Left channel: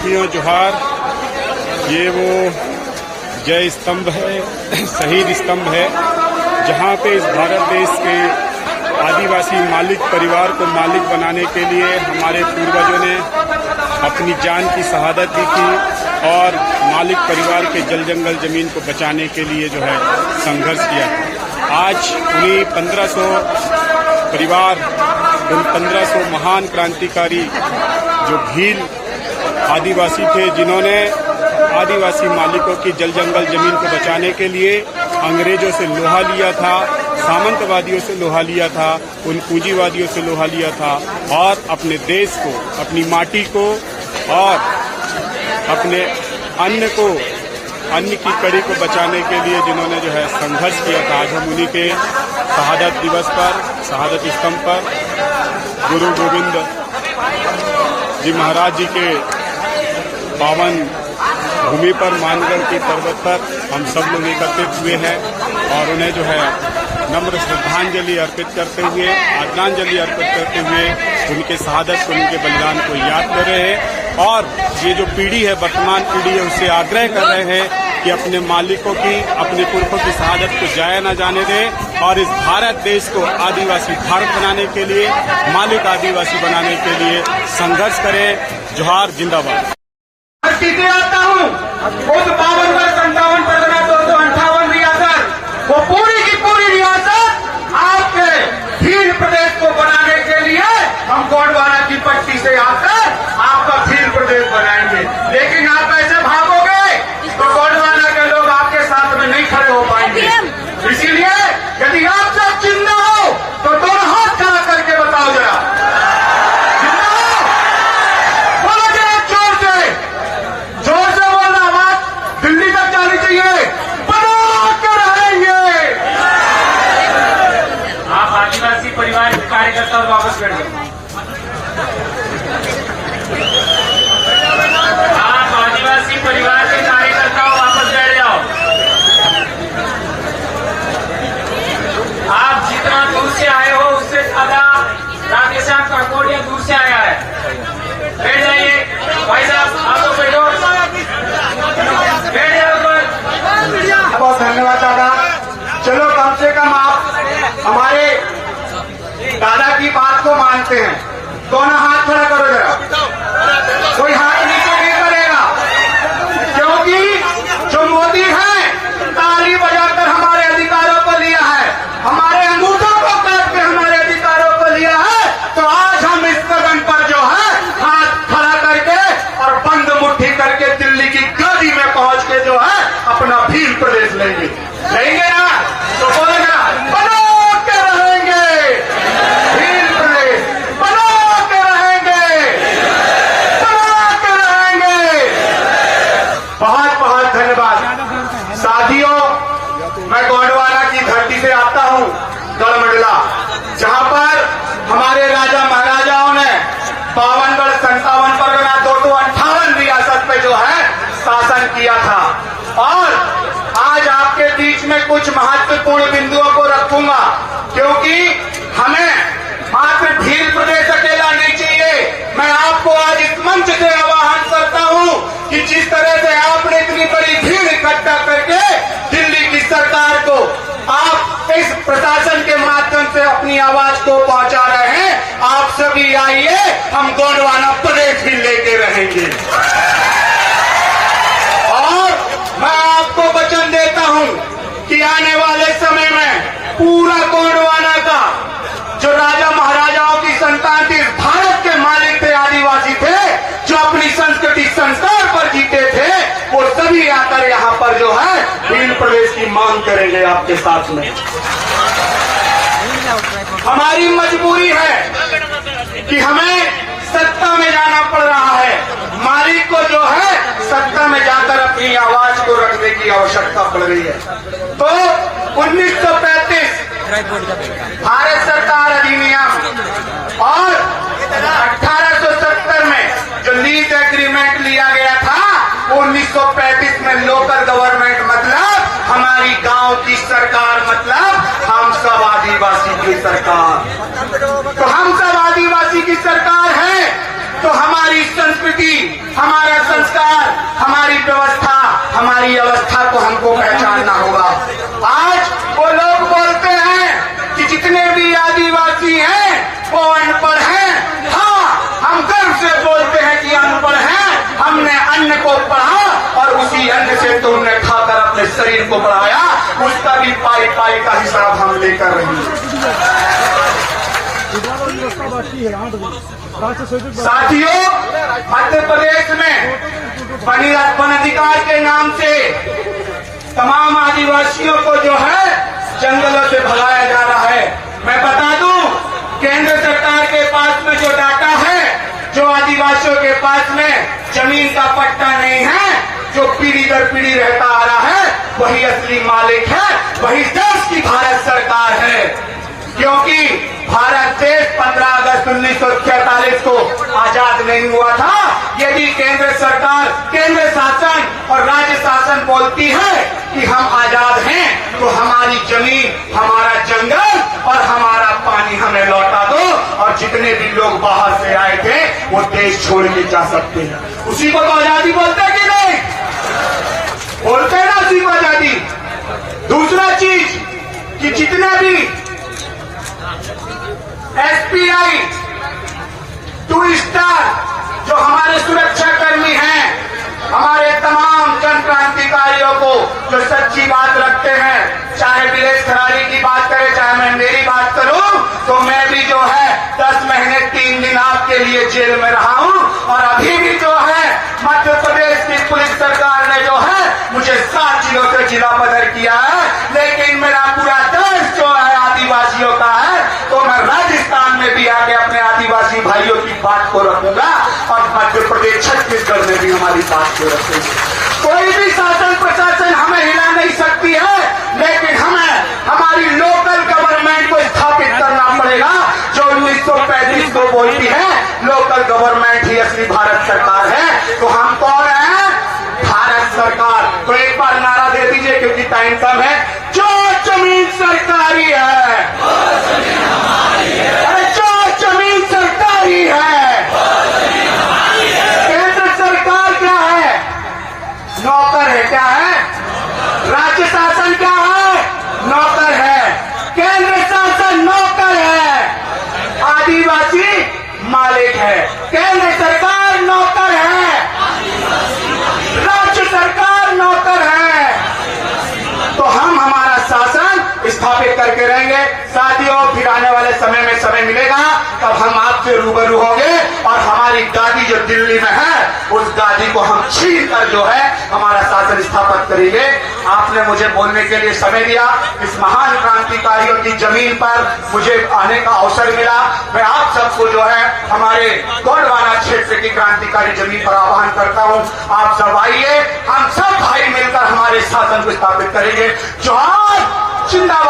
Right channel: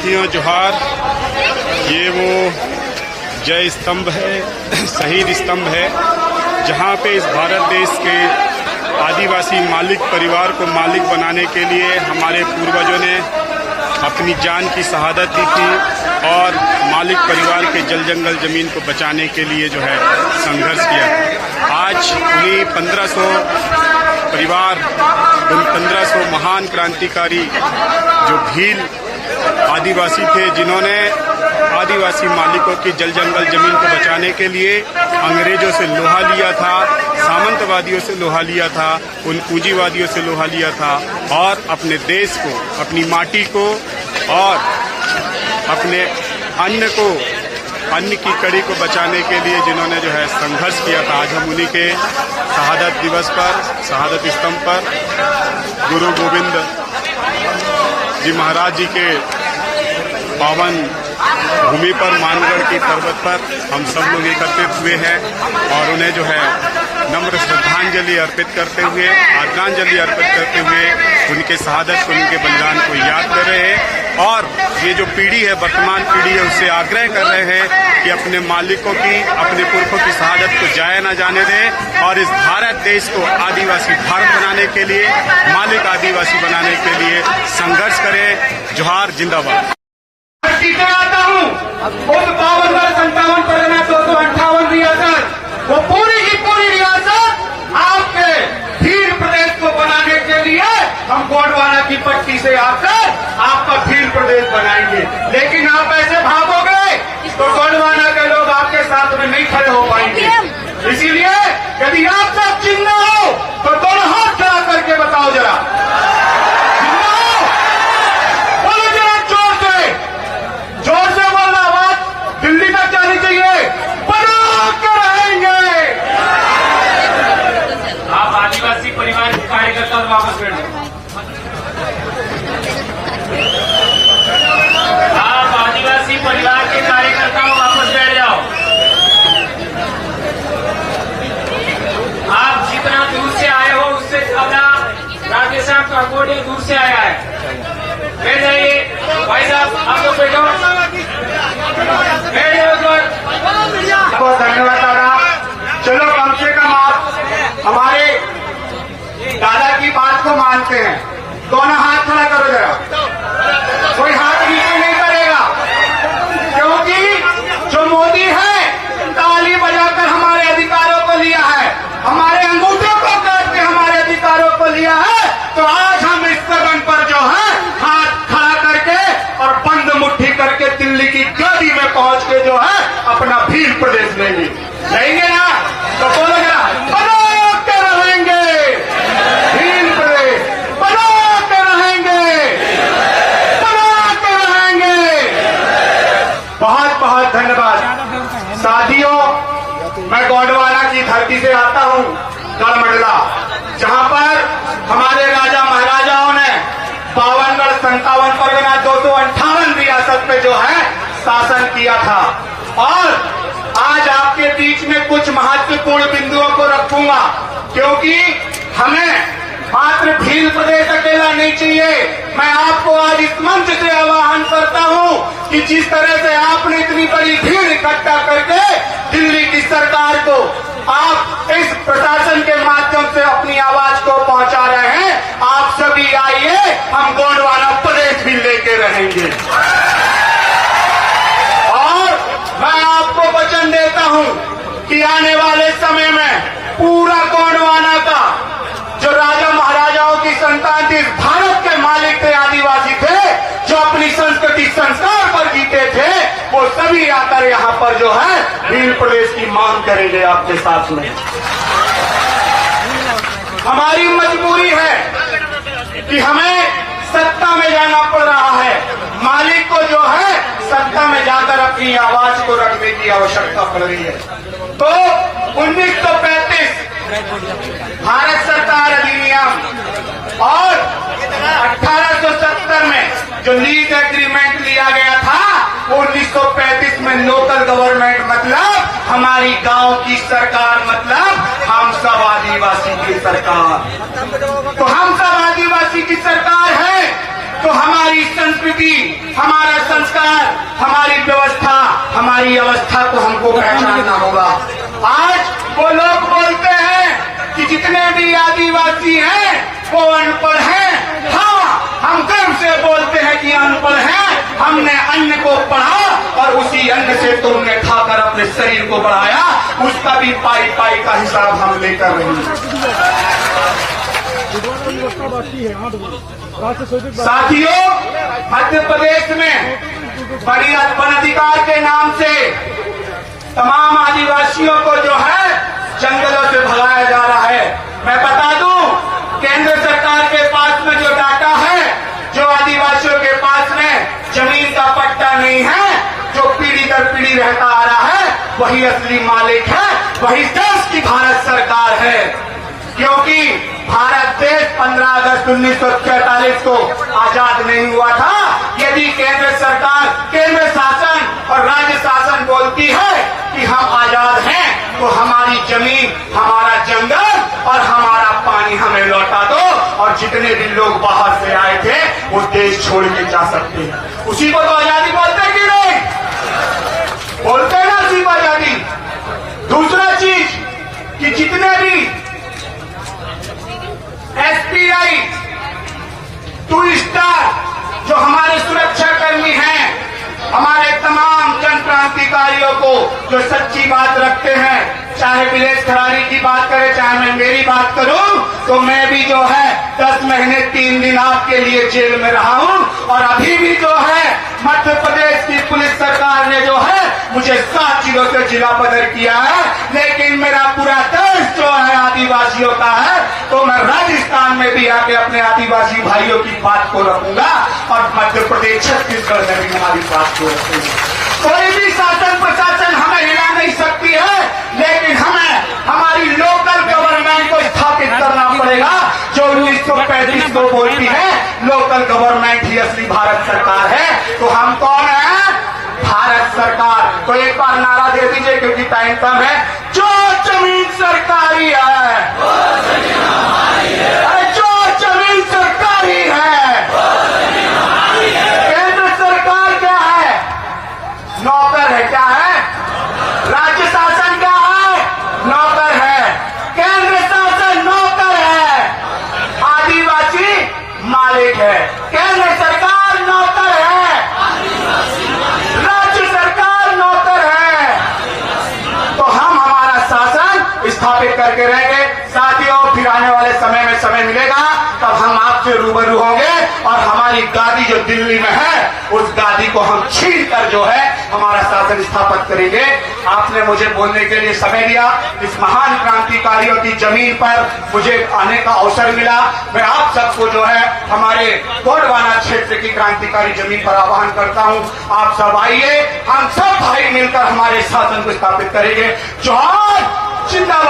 साथियों जोहार। ये वो जय स्तंभ है, शहीद स्तंभ है, जहाँ पे इस भारत देश के आदिवासी मालिक परिवार को मालिक बनाने के लिए हमारे पूर्वजों ने अपनी जान की शहादत दी थी और मालिक परिवार के जल जंगल जमीन को बचाने के लिए जो है संघर्ष किया था। आज उन्हीं 1500 परिवार, उन 1500 महान क्रांतिकारी जो भील आदिवासी थे, जिन्होंने आदिवासी मालिकों की जल जंगल जमीन को बचाने के लिए अंग्रेजों से लोहा लिया था, सामंतवादियों से लोहा लिया था, उन पूंजीवादियों से लोहा लिया था और अपने देश को, अपनी माटी को और अपने अन्न की कड़ी को बचाने के लिए जिन्होंने जो है संघर्ष किया था। आज हम उन्हीं के शहादत दिवस पर, शहादत स्तंभ पर गुरु गोविंद जी महाराज जी के पावन भूमि पर, मानगढ़ की पर्वत पर हम सब लोग एकत्रित हुए हैं और उन्हें जो है नम्र श्रद्धांजलि अर्पित करते हुए, आदरांजलि अर्पित करते हुए उनके शहादत को, उनके बलिदान को याद कर रहे हैं। और ये जो पीढ़ी है, वर्तमान पीढ़ी है, उससे आग्रह कर रहे हैं कि अपने मालिकों की, अपने पुरखों की शहादत को जाया न जाने दें और इस भारत देश को आदिवासी भारत बनाने के लिए, मालिक आदिवासी बनाने के लिए संघर्ष करें। जोहार, जिंदाबाद। आता हूँ उस 52-57 परगना 258 रियासत, वो पूरी की पूरी रियासत आपके भील प्रदेश को बनाने के लिए हम गोंडवाना की पट्टी से आकर आपका भील प्रदेश बनाएंगे। लेकिन आप ऐसे भागोगे तो गोंडवाना के लोग आपके साथ में नहीं खड़े हो पाएंगे। इसीलिए यदि आप सब चिन्ह हो तो दोनों हाथ खड़ा करके बताओ जरा, जोर से बोलना, आवाज दिल्ली तक जानी चाहिए। बना के रहेंगे। आप आदिवासी परिवार के कार्यकर्ता और वापस बैठ जाओ। आप आदिवासी परिवार के कार्यकर्ता वापस बैठ जाओ। आप जितना दूर से आए हो उससे ज्यादा राधेश्याम काकोड़िया दूर से आया है। बैठ जाइए भाई साहब, आप लोग बैठो। बहुत धन्यवाद दादा। चलो कम से कम आप हमारे दादा की बात को मानते हैं। दोनों हाथ खड़ा करो जरा। कोई हाथ नीचे नहीं करेगा, क्योंकि जो मोदी है ताली बजाकर हमारे अधिकारों को लिया है, हमारे अंगूठों को काट के हमारे अधिकारों को लिया है। तो आज हम इस कदम पर जो है हाथ खड़ा करके और बंद मुट्ठी करके दिल्ली की गाड़ी में पहुंच के जो है अपना भील प्रदेश लेंगे ना। तो बोलो ना, बना के रहेंगे भील प्रदेश, बना के रहेंगे, बना के रहेंगे। बहुत बहुत धन्यवाद साथियों। मैं गोंडवाना की धरती से आता हूँ, गढ़मंडला, जहाँ पर हमारे राजा महाराजाओं ने 52-57 परगना 258 रियासत पे जो है शासन किया था। और आज आपके बीच में कुछ महत्वपूर्ण बिंदुओं को रखूंगा, क्योंकि हमें मात्र भील प्रदेश अकेला नहीं चाहिए। मैं आपको आज इस मंच से आह्वान करता हूं कि जिस तरह से आपने इतनी बड़ी भीड़ इकट्ठा करके दिल्ली की सरकार को आप इस प्रशासन के माध्यम से अपनी आवाज को पहुंचा रहे हैं, आप सभी आइए, हम गोंडवाना प्रदेश भी लेके रहेंगे। और मैं आपको वचन देता हूं कि आने वाले समय में पूरा गोंडवाना का जो राजा महाराजाओं की संतान थी, भारत के मालिक थे, आदिवासी थे, जो अपनी संस्कृति संस्कार पर जीते थे, वो सभी आकर यहाँ पर जो है भील प्रदेश की मांग करेंगे आपके साथ में। हमारी मजबूरी है कि हमें सत्ता में जाना पड़ रहा है। मालिक को जो है सत्ता में जाकर अपनी आवाज को रखने की आवश्यकता पड़ रही है। तो 1935 भारत सरकार अधिनियम और 1870 में जो लीज एग्रीमेंट लिया गया था, 1935 में लोकल गवर्नमेंट मतलब हमारी गांव की सरकार, मतलब हम सब आदिवासी की सरकार। तो हम सब आदिवासी की सरकार है तो हमारी संस्कृति, हमारा हमारी व्यवस्था, हमारी अवस्था को हमको पहचानना होगा। आज वो लोग बोलते हैं कि जितने भी आदिवासी हैं वो अनपढ़ हैं। हाँ, हम गर्व से बोलते हैं कि अनपढ़ हैं। हमने अन्न को पढ़ा और उसी अन्न से तो हमने खाकर अपने शरीर को बढ़ाया, उसका भी पाई पाई का हिसाब हम लेकर रहे हैं। साथियों, मध्य प्रदेश में वन अधिकार के नाम से तमाम आदिवासियों को जो है जंगलों से भगाया जा रहा है। मैं बता दूं, केंद्र सरकार के पास में जो डाटा है, जो आदिवासियों के पास में जमीन का पट्टा नहीं है, जो पीढ़ी दर पीढ़ी रहता आ रहा है, वही असली मालिक है, वही देश की भारत सरकार है। क्योंकि भारत देश 15 अगस्त 1947 को आजाद नहीं हुआ था। यदि केंद्र सरकार, केंद्र शासन और राज्य शासन बोलती है कि हम आजाद हैं, तो हमारी जमीन, हमारा जंगल और हमारा पानी हमें लौटा दो, और जितने भी लोग बाहर से आए थे वो देश छोड़ के जा सकते हैं। उसी को तो आजादी बोलते हैं कि नहीं? बोलते ना उसी को आजादी। दूसरा चीज कि जितने भी एसपीआई, टू स्टार, जो हमारे सुरक्षा कर्मी हैं, हमारे तमाम जन क्रांतिकारियों को जो सच्ची बात रखते हैं, चाहे विलेश खरारी की बात करें, चाहे मैं मेरी बात करूं, तो मैं भी जो है 10 महीने 3 दिन आपके लिए जेल में रहा हूं, और अभी भी जो है मध्य प्रदेश की पुलिस सरकार ने जो है मुझे 7 जिलों से जिला बदर किया है। लेकिन मेरा पूरा देश जो है आदिवासियों का है, तो मैं राजस्थान में भी आके अपने आदिवासी भाइयों की बात को रखूंगा, और मध्य प्रदेश, छत्तीसगढ़ में भी हमारी बात को रखूंगा। कोई भी शासन प्रशासन हमें हिला नहीं सकती है, लेकिन हमें हमारी लोकल गवर्नमेंट को स्थापित करना पड़ेगा, जो 1935 को बोलती है लोकल गवर्नमेंट ही असली भारत सरकार है। तो हम कौन है? भारत सरकार। तो एक बार नारा दे दीजिए, क्योंकि टाइम कम है। जो जमीन सरकारी है, अरे जो जमीन सरकारी है, केंद्र सरकार क्या है? नौकर है। क्या है? राज्य शासन क्या है? नौकर है। केंद्र शासन नौकर है, आदिवासी मालिक है। केंद्र सरकार नौकर है, राज्य सरकार नौकर है। तो हम हमारा शासन स्थापित करके रहेंगे। साथियों, फिर आने वाले समय में समय मिलेगा तब हम आपसे रूबरू होंगे, और हमारी गादी जो दिल्ली में है, उस गादी को हम छीन कर जो है हमारा शासन स्थापित करेंगे। आपने मुझे बोलने के लिए समय दिया। इस महान क्रांतिकारियों की जमीन पर मुझे आने का अवसर मिला। मैं आप सबको जो है हमारे गोंडवाना क्षेत्र की क्रांतिकारी जमीन पर आह्वान करता हूं। आप सब आइए, हम सब भाई मिलकर हमारे शासन को स्थापित करेंगे। जोहार, जिंदाबाद।